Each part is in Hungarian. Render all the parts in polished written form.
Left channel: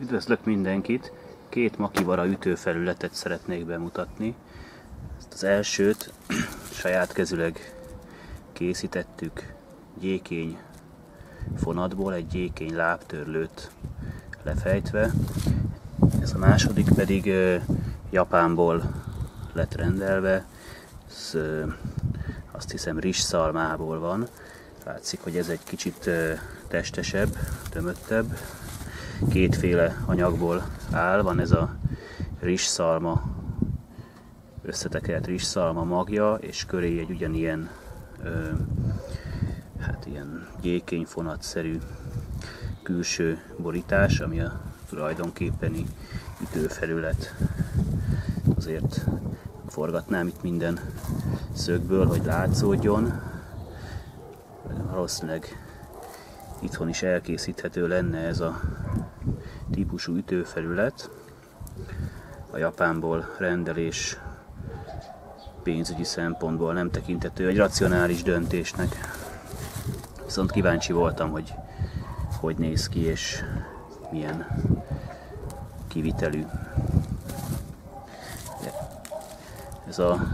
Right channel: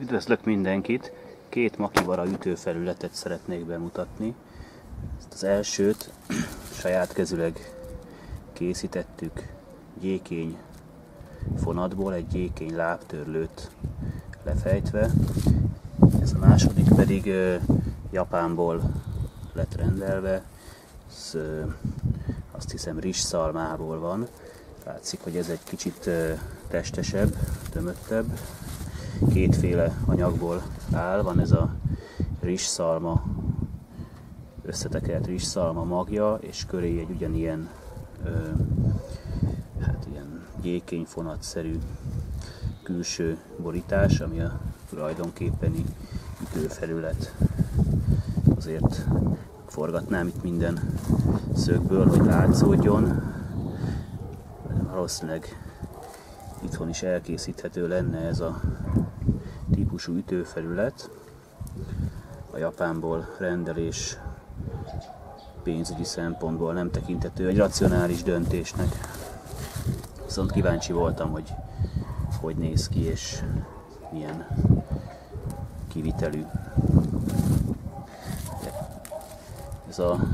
Üdvözlök mindenkit! Két makivara ütőfelületet szeretnék bemutatni. Ezt az elsőt saját kezüleg készítettük gyékény fonatból, egy gyékény lábtörlőt lefejtve. Ez a második pedig Japánból lett rendelve. Ez, azt hiszem rizsszalmából van. Látszik, hogy ez egy kicsit testesebb, tömöttebb. Kétféle anyagból áll, van ez a rizsszalma, összetekert rizsszalma magja, és köré egy ugyanilyen ilyen gyékényfonatszerű külső borítás, ami a tulajdonképpeni ütőfelület. Azért forgatnám itt minden szögből, hogy látszódjon. Valószínűleg itthon is elkészíthető lenne ez a típusú ütőfelület. A Japánból rendelés pénzügyi szempontból nem tekinthető egy racionális döntésnek. Viszont kíváncsi voltam, hogy hogy néz ki és milyen kivitelű. Ez a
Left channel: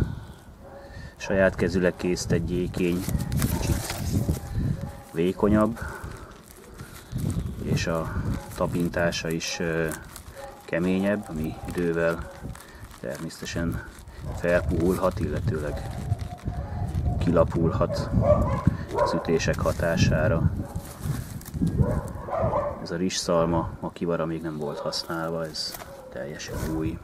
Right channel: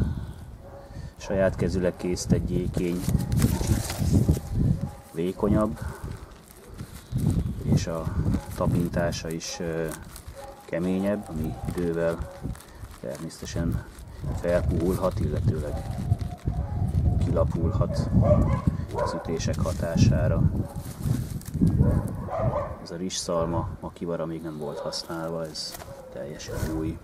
saját kezüleg készített gyékény kicsit vékonyabb, és a tapintása is keményebb, ami idővel természetesen felpuhulhat, illetőleg kilapulhat az ütések hatására. Ez a rizsszalma makivara még nem volt használva, ez teljesen új.